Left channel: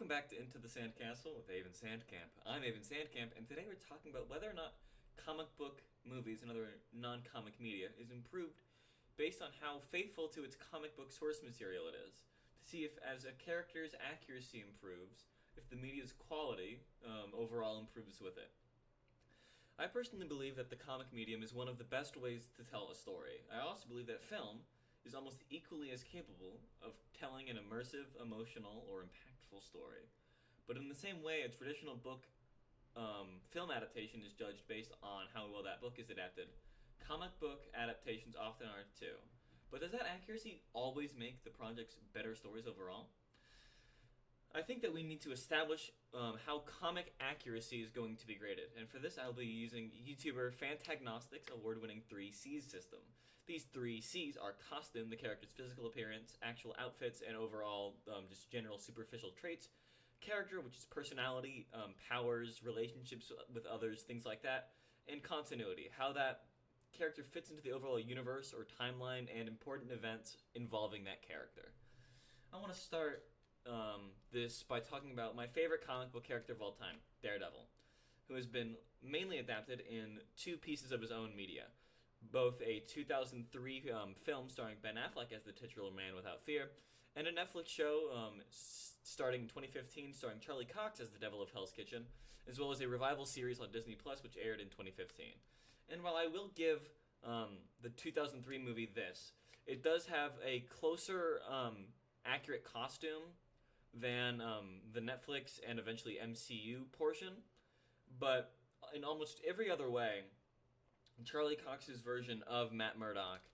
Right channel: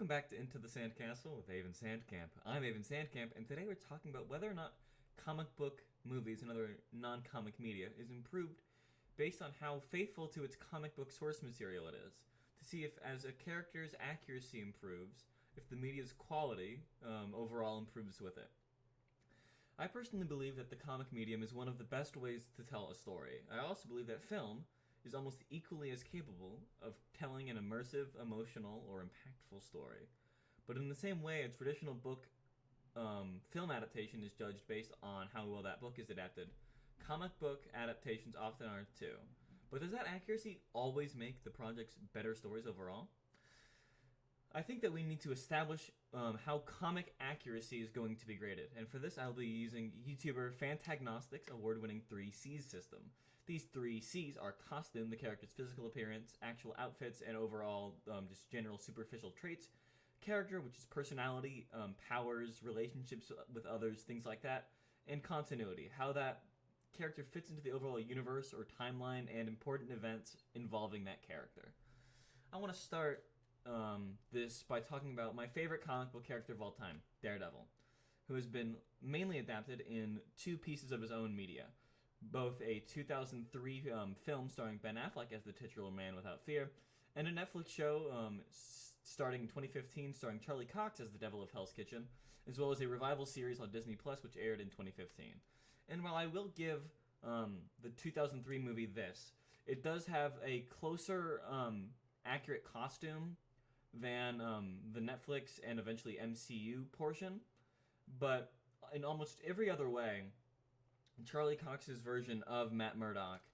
Welcome back to Into the Sandkastle with Avon Sandcamp. I'm Avon Sandcamp, and today we're talking about whether or not comic book movies and other non-comic media is improved based on how faithful to its comic book source material it is. To see if, as a character's accuracy improves, if the media's quality overall improves with it. I personally believe that the comic medium is one of the best ways to tell a story. I also believe that film is almost equally as capable of telling an immersive, emotional, or impactful story. But in the same way, a traditional book film adaptation is judged based on how well that book is adapted. Comic book adaptations often are too. But does that accuracy always make the project's better stories overall? I think that we need to establish how comic accuracy is going to be graded, and for this I'll be using YouTuber Fantagnostic's award-winning 3Cs system. These 3Cs are costume, the character's physical appearance, actual outfits, and overall just general superficial traits. Character, which is personality, powers, relationships with others, things like that. And continuity, how that character fits into the overall universe or timeline and important events involving that character. I want to start this by talking about my favorite comic book character of all time, Daredevil, who has been mainly adapted in two pieces of his own media. Both a 2003 film starring Ben Affleck as the titular Man Without Fear, and a Netflix show starting in 2015 starring Charlie Cox as the Devil of Hell's Kitchen, as well as a revival series on Disney Plus which aired in 2015. And while I will give the 2003 movie this, it does have a closer accurate costume than the Netflix and eventually MCU portion, but in almost every other way, Charlie Cox's version of Matt Murdock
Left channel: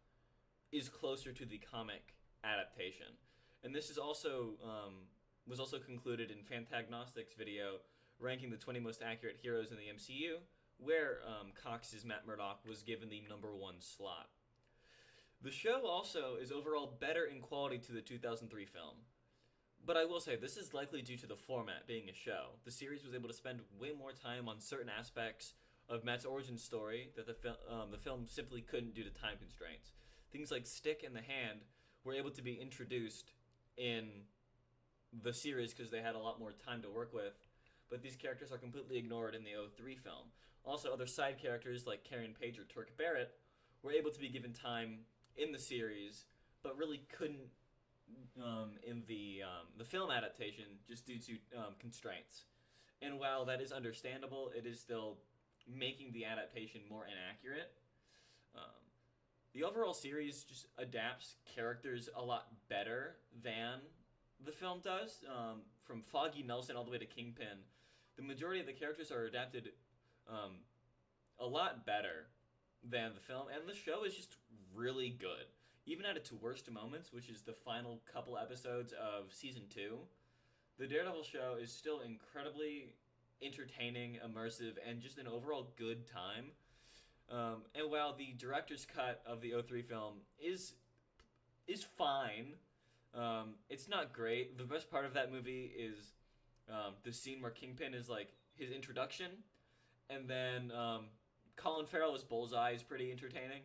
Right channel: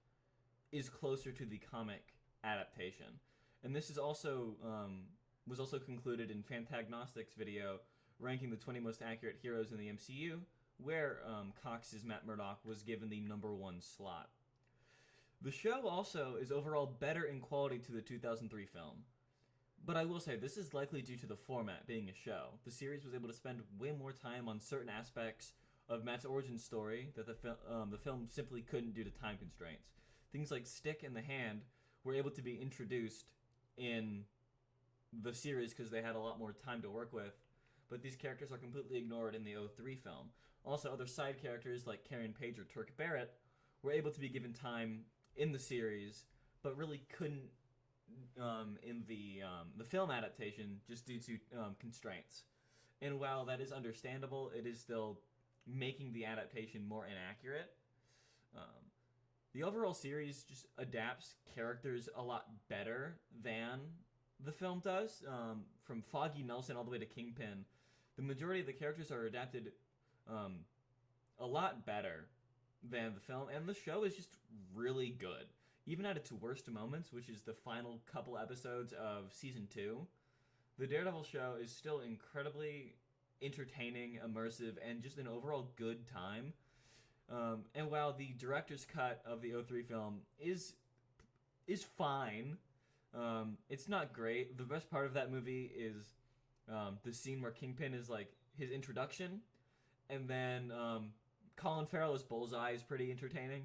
is closer to the comic adaptation, and this is also was also concluded in Fantagnostic's video ranking the 20 most accurate heroes in the MCU, where Cox's Matt Murdock was given the #1 slot. The show also is overall better in quality to the 2003 film. But I will say, this is likely due to the format being a show. The series was able to spend way more time on certain aspects of Matt's origin story that the film simply couldn't due to time constraints. Things like Stick and the Hand were able to be introduced in the series because they had a lot more time to work with, but these characters are completely ignored in the '03 film. Also, other side characters like Karen Page or Turk Barrett were able to be given time in the series, but really couldn't in the film adaptation just due to constraints. And while that is understandable, it is still making the adaptation more inaccurate. The overall series just adapts characters a lot better than the film does. From Foggy Nelson all the way to Kingpin, the majority of the characters are adapted a lot better than the film, and the show is just really good. Even at its worst moments, which is the final couple episodes of Season 2, the Daredevil show is still incredibly entertaining, immersive, and just an overall good time. And while the director's cut of the '03 film is fine, it's not great. The best part of that movie is the scene where Kingpin is like his introduction, and then Colin Farrell as Bullseye is pretty entertaining.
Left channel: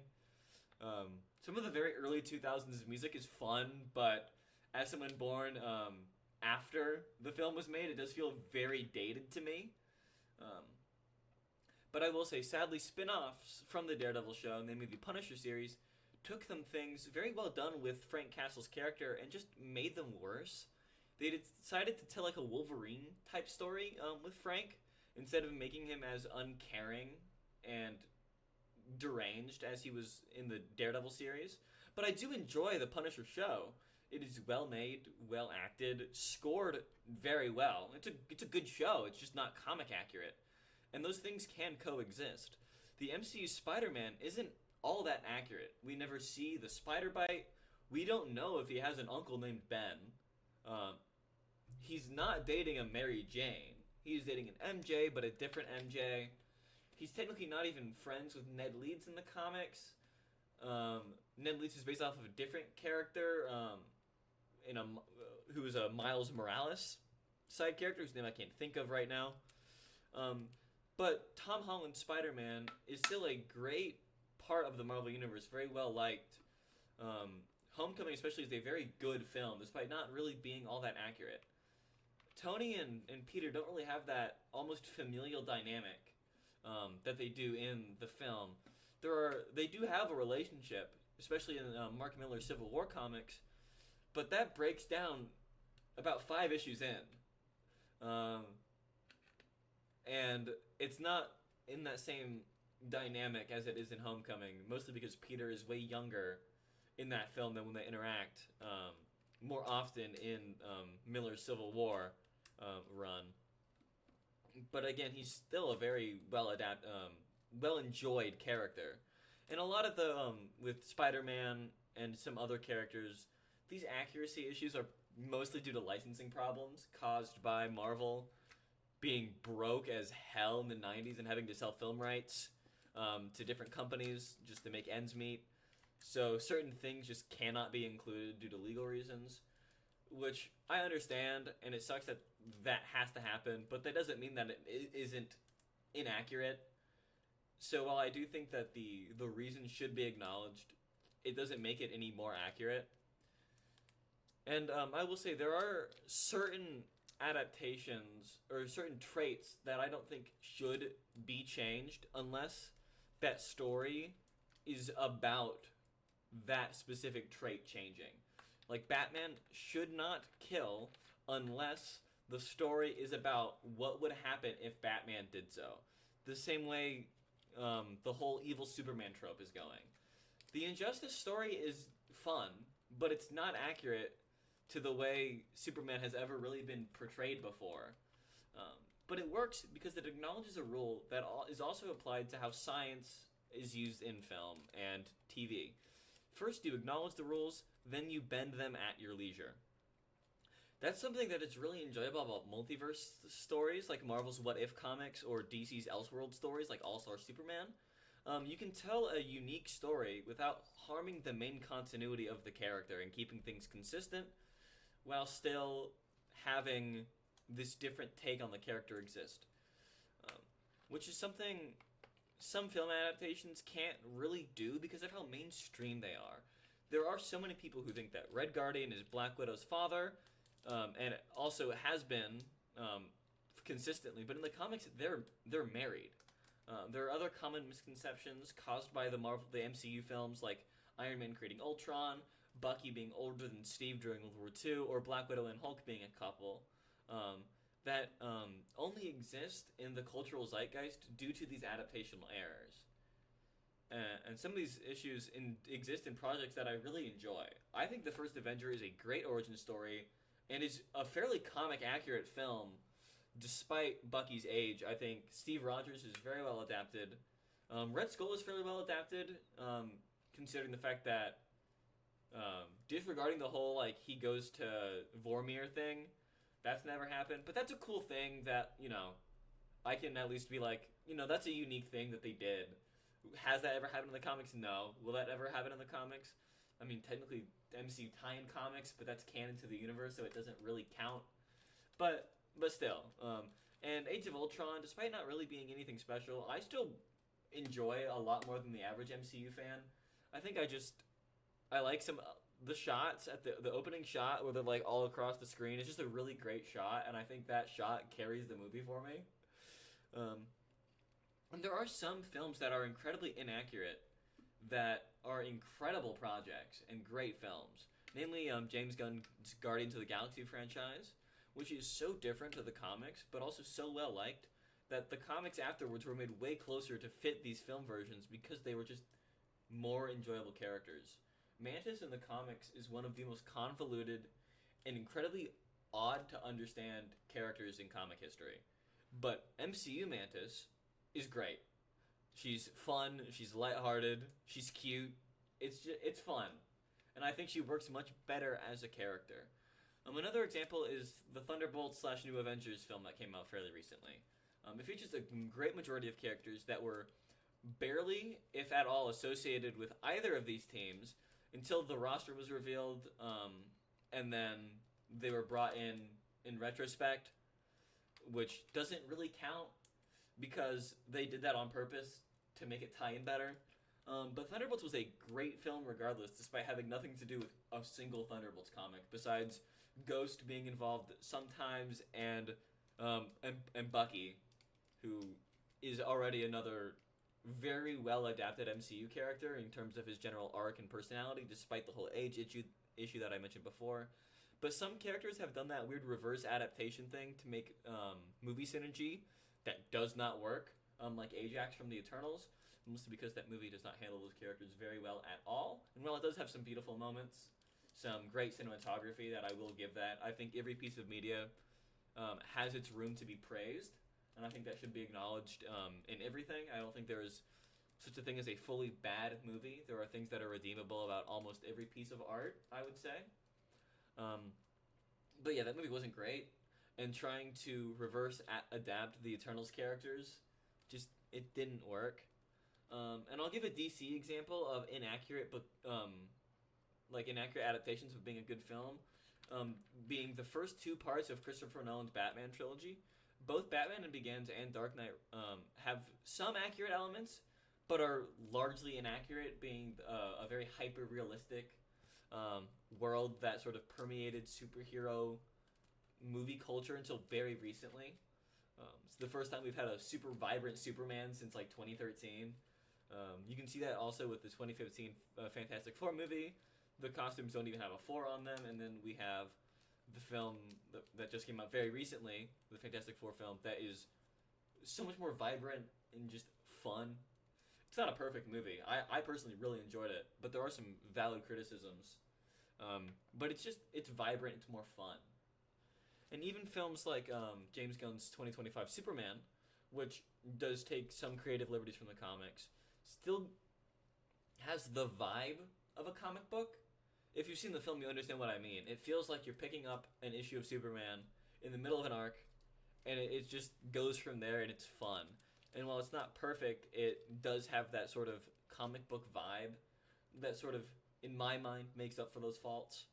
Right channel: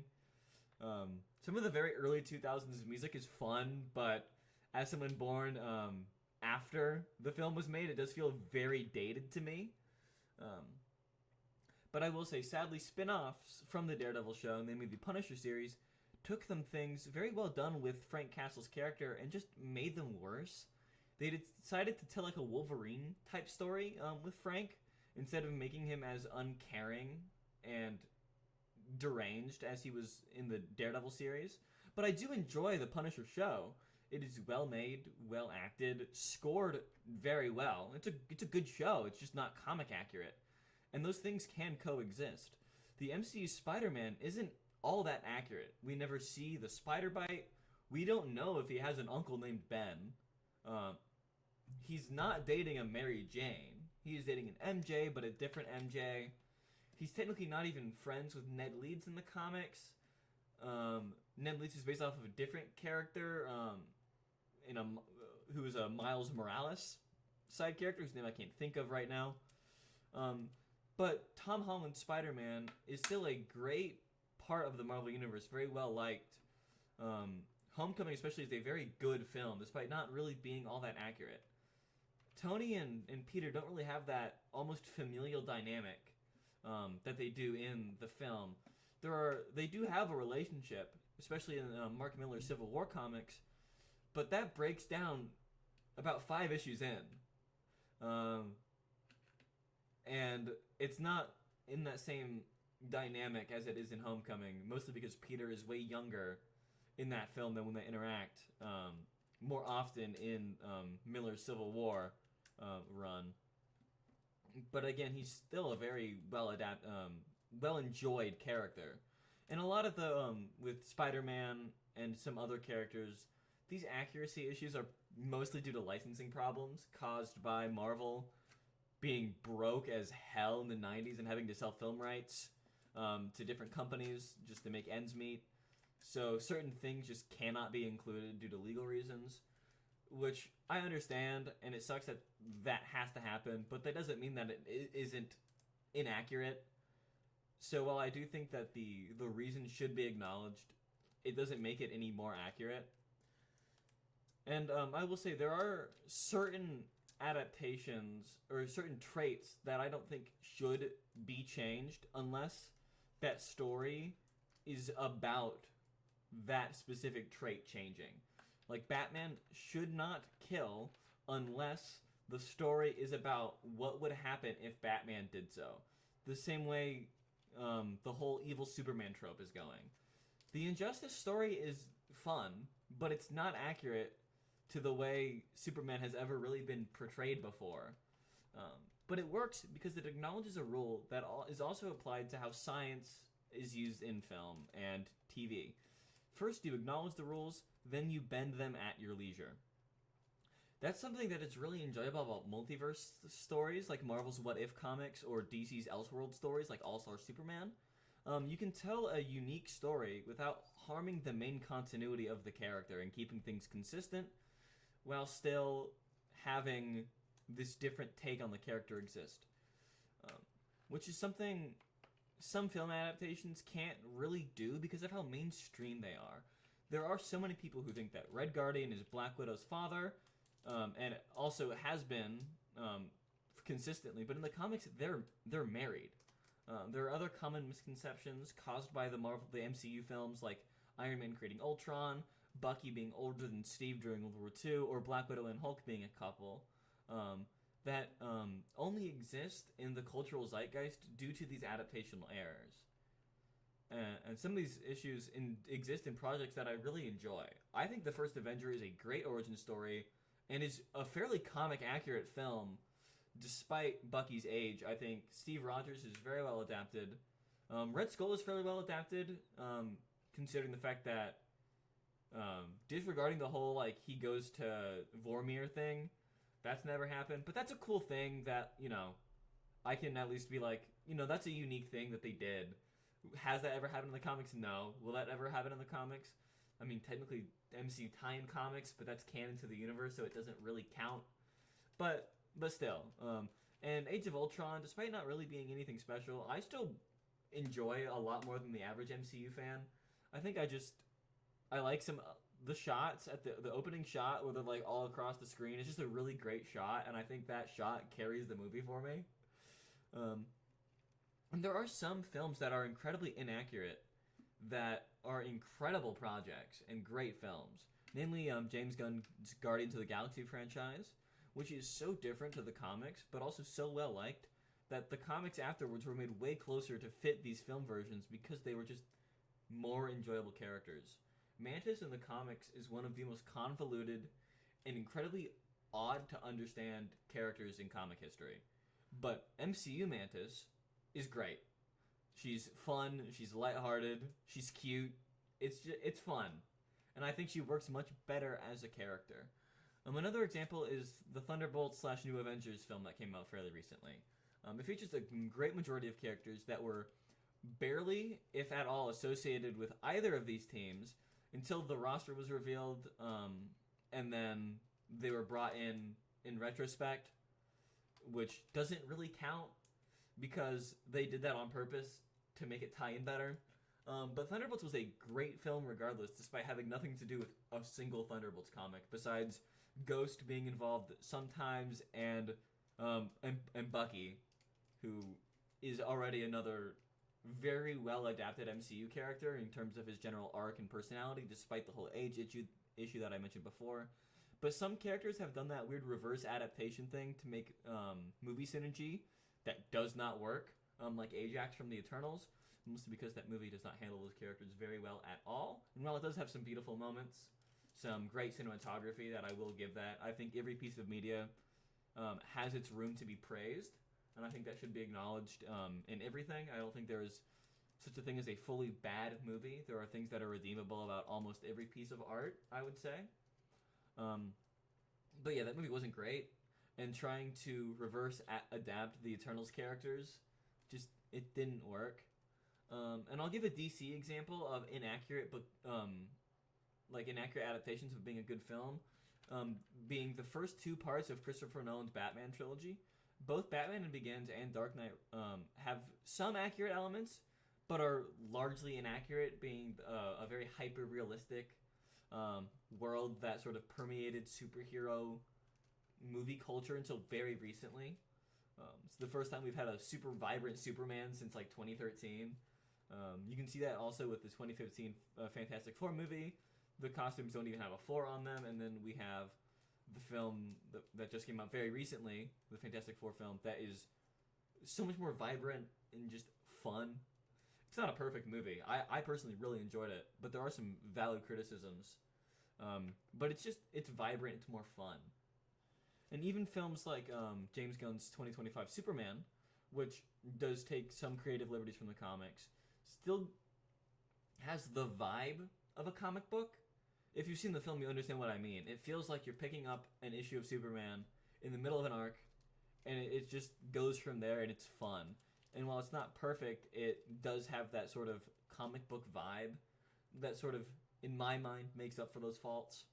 Some of the very early 2000s music is fun, but as someone born after the film was made, it does feel very dated to me. But I will say, sadly, spin-offs from the Daredevil show, namely the Punisher series, took them things very well done with Frank Castle's character and just made them worse. They decided to tell like a Wolverine-type story with Frank, instead of making him as uncaring and deranged as he was in the Daredevil series. But I do enjoy the Punisher show. It is well made, well acted, scored very well. It's a good show. It's just not comic accurate, and those things can coexist. The MCU Spider-Man isn't all that accurate. We never see the spider bite. We don't know if he has an uncle named Ben. He's not dating a Mary Jane. He's dating an MJ, but a different MJ. He's technically not even friends with Ned Leeds in the comics. Ned Leeds is based off of a different character, who is a Miles Morales side character, whose name I can't think of right now. But Tom Holland's Spider-Man is still a great part of the Marvel Universe, very well liked. Homecoming especially is a very good film, despite not really being all that accurate. Tony and Peter don't really have that almost familial dynamic that they do in the film. They do have a relationship, especially in Mark Miller's Civil War comics, but that breaks down about 5 issues in, and it's not in that same dynamic as it is in Homecoming. Mostly because Peter is way younger in that film than when they interact more often in Miller's Civil War run. But again, he's still a very well enjoyed character. And a lot of the with Spider-Man and some other characters, these accuracy issues are mostly due to licensing problems caused by Marvel being broke as hell in the 90s and having to sell film rights to different companies just to make ends meet. So certain things just cannot be included due to legal reasons, which I understand, and it sucks that that has to happen, but that doesn't mean that it isn't inaccurate. So while I do think that the reason should be acknowledged, it doesn't make it any more accurate. And I will say there are certain adaptations or certain traits that I don't think should be changed unless that story is about that specific trait changing. Like, Batman should not kill unless the story is about what would happen if Batman did so. The same way the whole evil Superman trope is going. The Injustice story is fun, but it's not accurate to the way Superman has ever really been portrayed before. But it works because it acknowledges a rule that is also applied to how science is used in film and TV. First, you acknowledge the rules, then you bend them at your leisure. That's something that is really enjoyable about multiverse stories like Marvel's What If comics or DC's Elseworld stories like All-Star Superman. You can tell a unique story without harming the main continuity of the character and keeping things consistent while still having this different take on the character exist. Which is something some film adaptations can't really do because of how mainstream they are. There are so many people who think that Red Guardian is Black Widow's father, and it also has been consistently. But in the comics, they're married. There are other common misconceptions caused by the MCU films, like Iron Man creating Ultron, Bucky being older than Steve during World War II, or Black Widow and Hulk being a couple, that only exist in the cultural zeitgeist due to these adaptational errors. And some of these issues exist in projects that I really enjoy. I think the first Avenger is a great origin story and is a fairly comic-accurate film despite Bucky's age. I think Steve Rogers is very well adapted. Red Skull is fairly well adapted, considering the fact that disregarding the whole, like, he goes to Vormir thing, that's never happened. But that's a cool thing that, I can at least be like, that's a unique thing that they did. Has that ever happened in the comics? No. Will that ever happen in the comics? I mean, technically, MCU tie-in comics, but that's canon to the universe, so it doesn't really count. But still. And Age of Ultron, despite not really being anything special, I still enjoy a lot more than the average MCU fan. I think I like the shots at the opening shot where they're like all across the screen. It's just a really great shot, and I think that shot carries the movie for me. And there are some films that are incredibly inaccurate that are incredible projects and great films. Namely, James Gunn's Guardians of the Galaxy franchise, which is so different to the comics, but also so well liked that the comics afterwards were made way closer to fit these film versions because they were just more enjoyable characters. Mantis in the comics is one of the most convoluted and incredibly odd to understand characters in comic history. But MCU Mantis is great. She's fun, she's lighthearted, she's cute. It's fun. And I think she works much better as a character. Another example is the Thunderbolts / New Avengers film that came out fairly recently. It features a great majority of characters that were barely, if at all, associated with either of these teams until the roster was revealed, and then they were brought in retrospect, which doesn't really count because they did that on purpose to make it tie in better. But Thunderbolts was a great film regardless, despite having nothing to do with a single Thunderbolts comic besides Ghost being involved sometimes, and Bucky, who is already another very well adapted MCU character in terms of his general arc and personality, despite the whole age issue that I mentioned before. But some characters have done that weird reverse adaptation thing to make movie synergy that does not work, like Ajax from the Eternals, mostly because that movie does not handle those characters very well at all. And while it does have some beautiful moments, some great cinematography that I will give that, I think every piece of media has its room to be praised, and I think that should be acknowledged in everything. I don't think there is such a thing as a fully bad movie. There are things that are redeemable about almost every piece of art, I would say. But yeah, that movie wasn't great, and trying to reverse adapt the Eternals characters, just it didn't work. And I'll give a DC example of inaccurate, but like inaccurate adaptations of being a good film, being the first two parts of Christopher Nolan's Batman trilogy. Both Batman and Begins and Dark Knight have some accurate elements, but are largely inaccurate, being a very hyper realistic world that sort of permeated superhero movie culture until very recently. It's the first time we've had a super vibrant Superman since like 2013. You can see that also with the 2015 Fantastic Four movie. The costumes don't even have a 4 on them, and then we have the film that just came out very recently, the Fantastic Four film, that is so much more vibrant and just fun. It's not a perfect movie. I personally really enjoyed it, but there are some valid criticisms. But it's vibrant, it's more fun. And even films like James Gunn's 2025 Superman, which does take some creative liberties from the comics, still has the vibe of a comic book. If you've seen the film, you understand what I mean. It feels like you're picking up an issue of Superman in the middle of an arc, and it just goes from there, and it's fun. And while it's not perfect, it does have that sort of comic book vibe that sort of, in my mind, makes up for those faults.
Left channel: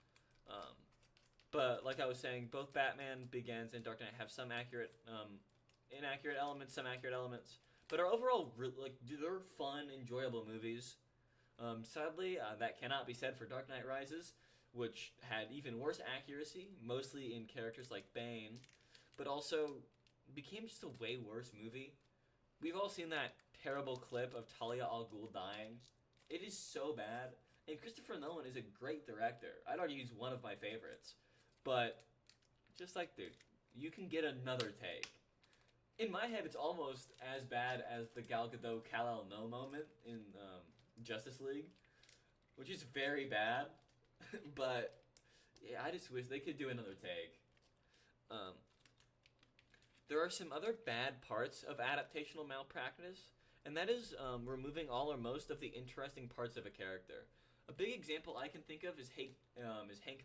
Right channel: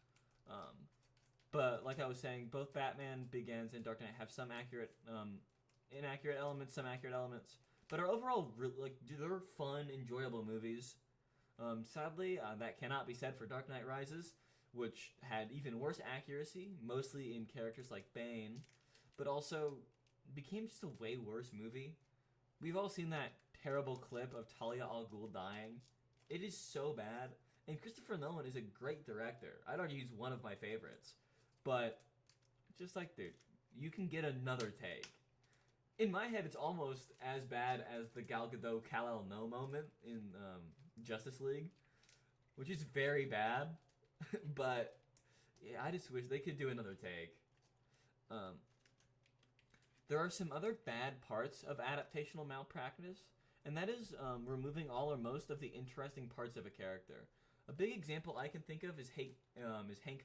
But like I was saying, both Batman Begins and Dark Knight have some inaccurate elements, some accurate elements, but are overall they're fun, enjoyable movies. Sadly, that cannot be said for Dark Knight Rises, which had even worse accuracy, mostly in characters like Bane, but also became just a way worse movie. We've all seen that terrible clip of Talia al Ghul dying. It is so bad, and Christopher Nolan is a great director. I'd argue he's one of my favorites. But just like, dude, you can get another take. In my head, it's almost as bad as the Gal Gadot Kal-El No moment in Justice League, which is very bad. But yeah, I just wish they could do another take. There are some other bad parts of adaptational malpractice, and that is removing all or most of the interesting parts of a character. A big example I can think of is Hank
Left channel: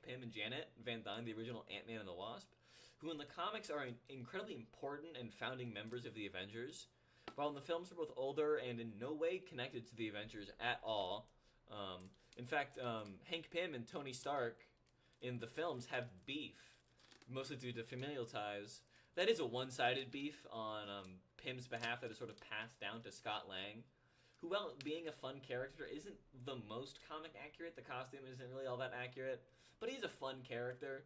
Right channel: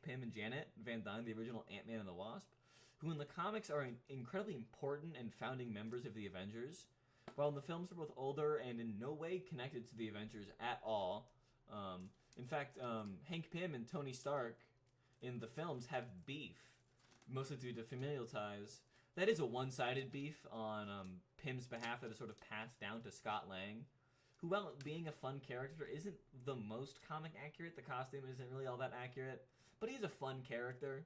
Pym and Janet Van Dyne, the original Ant-Man and the Wasp, who in the comics are incredibly important and founding members of the Avengers, while in the films are both older and in no way connected to the Avengers at all. In fact, Hank Pym and Tony Stark in the films have beef, mostly due to familial ties. That is a one-sided beef on Pym's behalf that is sort of passed down to Scott Lang, who, while being a fun character, isn't the most comic accurate. The costume isn't really all that accurate, but he's a fun character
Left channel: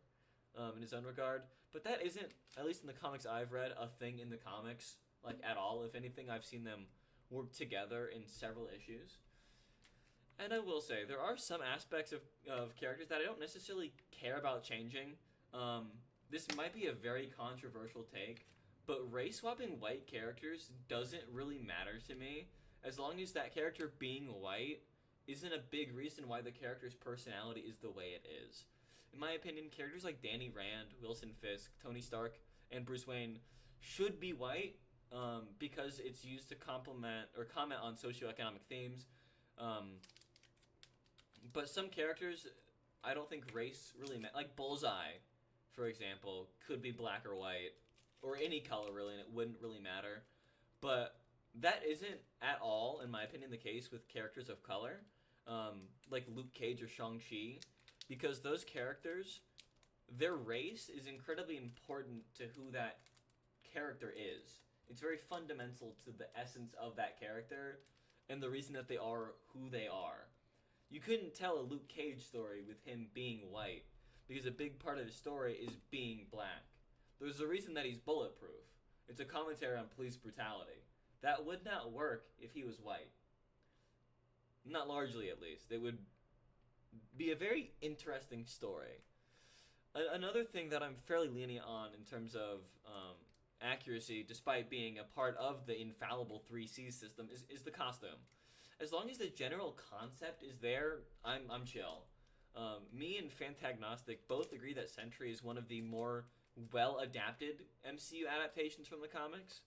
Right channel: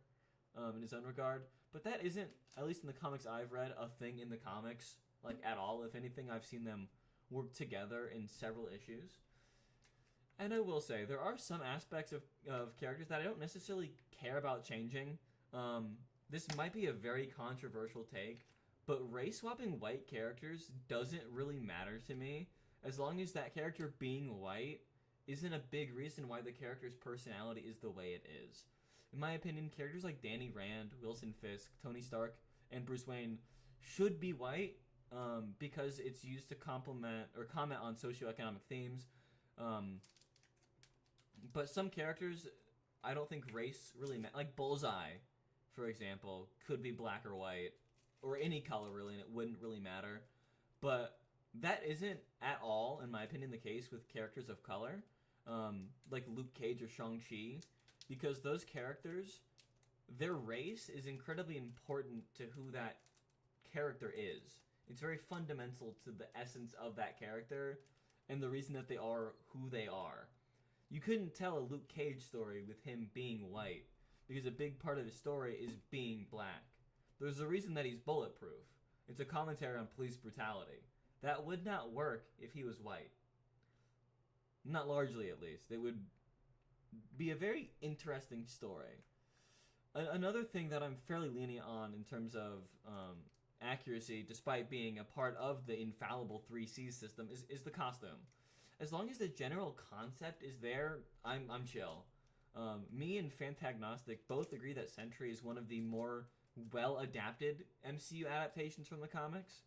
in his own regard. But that isn't, at least in the comics I've read, a thing in the comics, like, at all. If anything, I've seen them work together in several issues. And I will say, there are some aspects of characters that I don't necessarily care about changing. This might be a very controversial take, but race-swapping white characters doesn't really matter to me, as long as that character being white isn't a big reason why the character's personality is the way it is. In my opinion, characters like Danny Rand, Wilson Fisk, Tony Stark, and Bruce Wayne should be white because it's used to complement or comment on socioeconomic themes. But some characters, I don't think race really matters. Like Bullseye, for example, could be black or white, or any color really, and it wouldn't really matter. But that isn't at all, in my opinion, the case with characters of color, like Luke Cage or Shang-Chi, because those characters, their race is incredibly important to who that character is. It's very fundamental to the essence of that character and the reason that they are who they are. You couldn't tell a Luke Cage story with him being white, because a big part of his story is being black. There's a reason that he's bulletproof. It's a commentary on police brutality. That would not work if he was white. Not largely, at least. It would be a very interesting story. Another thing that I'm fairly lenient on in terms of accuracy, despite being a part of the infallible 3C system, is the costume. As long as the general concept is there, I'm chill. Me and Fantagnostic both agree that Sentry is one of the more well-adapted MCU adaptations from the comics.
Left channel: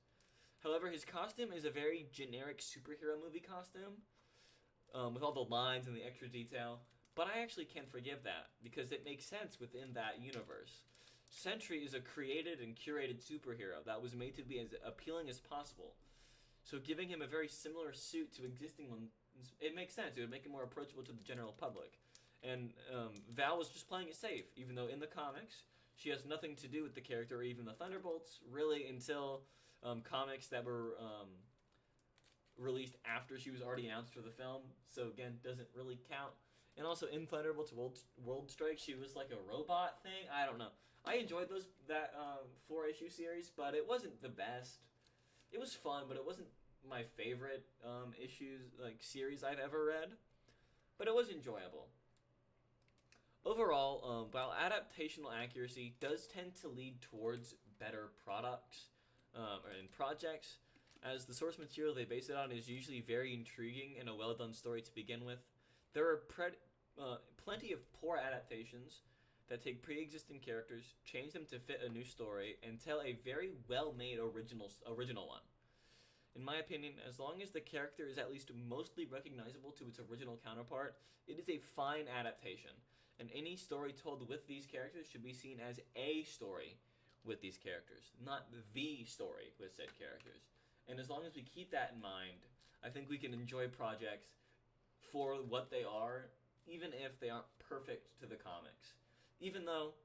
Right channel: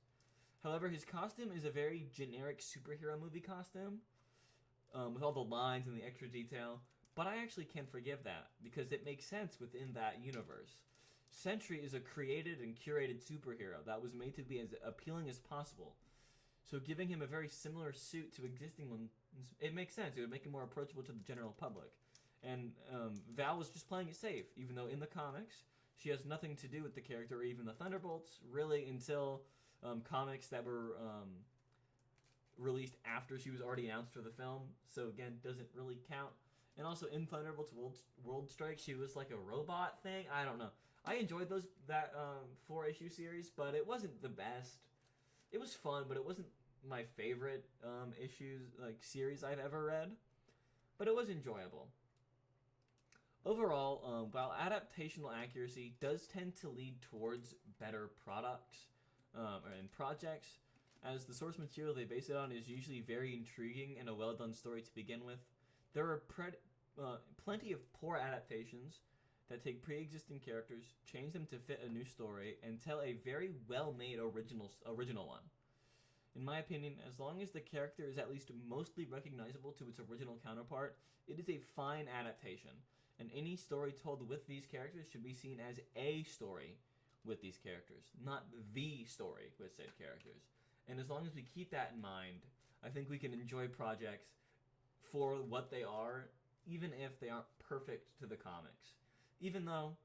However, his costume is a very generic superhero movie costume, with all the lines and the extra detail. But I actually can forgive that, because it makes sense within that universe. Sentry is a created and curated superhero that was made to be as appealing as possible. So giving him a very similar suit to existing ones, it makes sense. It would make him more approachable to the general public. And Val was just playing it safe, even though in the comics, she has nothing to do with the character or even the Thunderbolts, really until comics that were released after she was already announced for the film. So again, doesn't really count. And also in Thunderbolts World Strike, she was like a robot thing. I don't know. I enjoyed that 4-issue series, but it wasn't the best. It was fun, but it wasn't my favorite series I've ever read. But it was enjoyable. Overall, while adaptational accuracy does tend to lead towards better products and projects, as the source material they base it on is usually very intriguing and a well-done story to begin with, there are plenty of poor adaptations that take pre-existing characters, change them to fit a new story, and tell a very well-made original one. In my opinion, as long as the character is at least mostly recognizable to its original counterpart, it is a fine adaptation. And any story told with these characters should be seen as a story with these characters, not the story with said characters. And as long as we keep that in mind, I think we can enjoy projects for what they are, even if they aren't perfect to the comics. Even though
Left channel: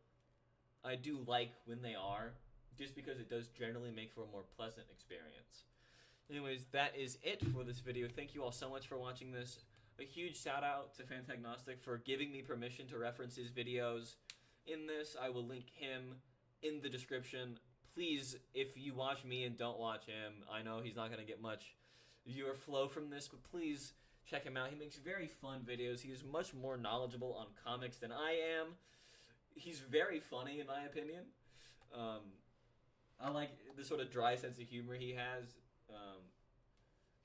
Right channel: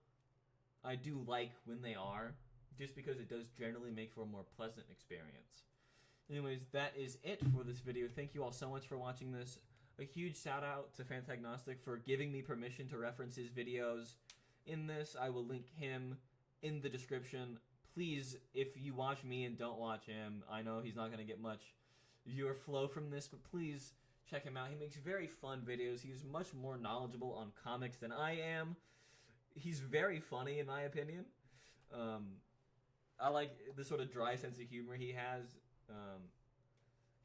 I do like when they are, just because it does generally make for a more pleasant experience. Anyways, that is it for this video. Thank you all so much for watching this. A huge shout out to Fantagnostic for giving me permission to reference his videos in this. I will link him in the description. Please, if you watch me and don't watch him, I know he's not going to get much viewer flow from this, but please check him out. He makes very fun videos. He's much more knowledgeable on comics than I am. He's very funny, in my opinion. I like the sort of dry sense of humor he has.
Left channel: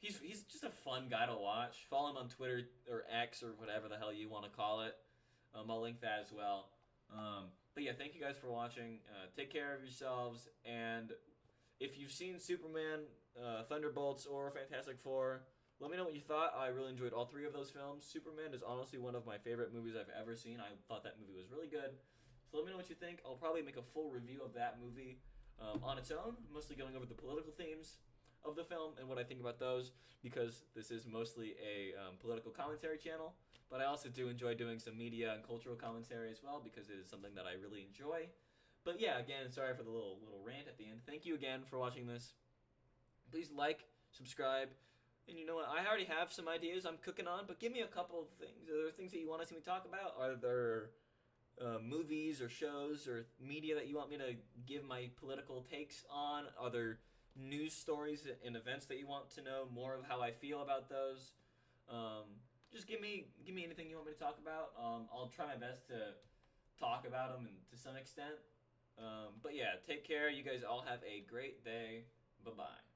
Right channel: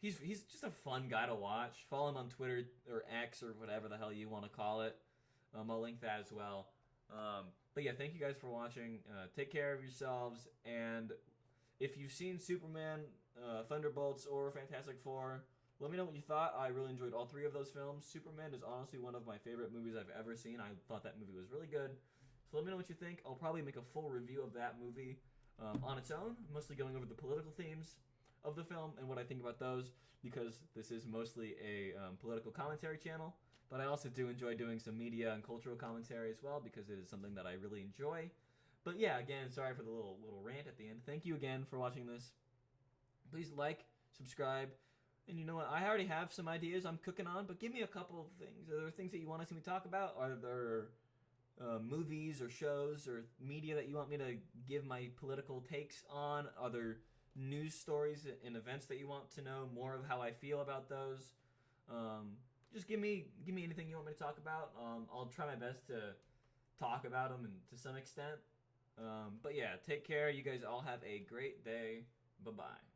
He's just a fun guy to watch. Follow him on Twitter or X or whatever the hell you want to call it. I'll link that as well. But yeah, thank you guys for watching. Take care of yourselves. And if you've seen Superman, Thunderbolts, or Fantastic Four, let me know what you thought. I really enjoyed all three of those films. Superman is honestly one of my favorite movies I've ever seen. I thought that movie was really good. So let me know what you think. I'll probably make a full review of that movie on its own, mostly going over the political themes of the film and what I think about those, because this is mostly a political commentary channel. But I also do enjoy doing some media and cultural commentary as well, because it is something that I really enjoy. But yeah, again, sorry for the little rant at the end. Thank you again for watching this. Please like, subscribe. And you know what? I already have some ideas I'm cooking on, but give me a couple of things. Are there things that you want to see me talk about? Are there movies or shows or media that you want me to give my political takes on? Are there news stories and events that you want to know more of how I feel about those? Just give me anything you want me to talk about. I'll try my best to talk about them to some extent. But yeah, take care. You guys all have a great day. Bye-bye.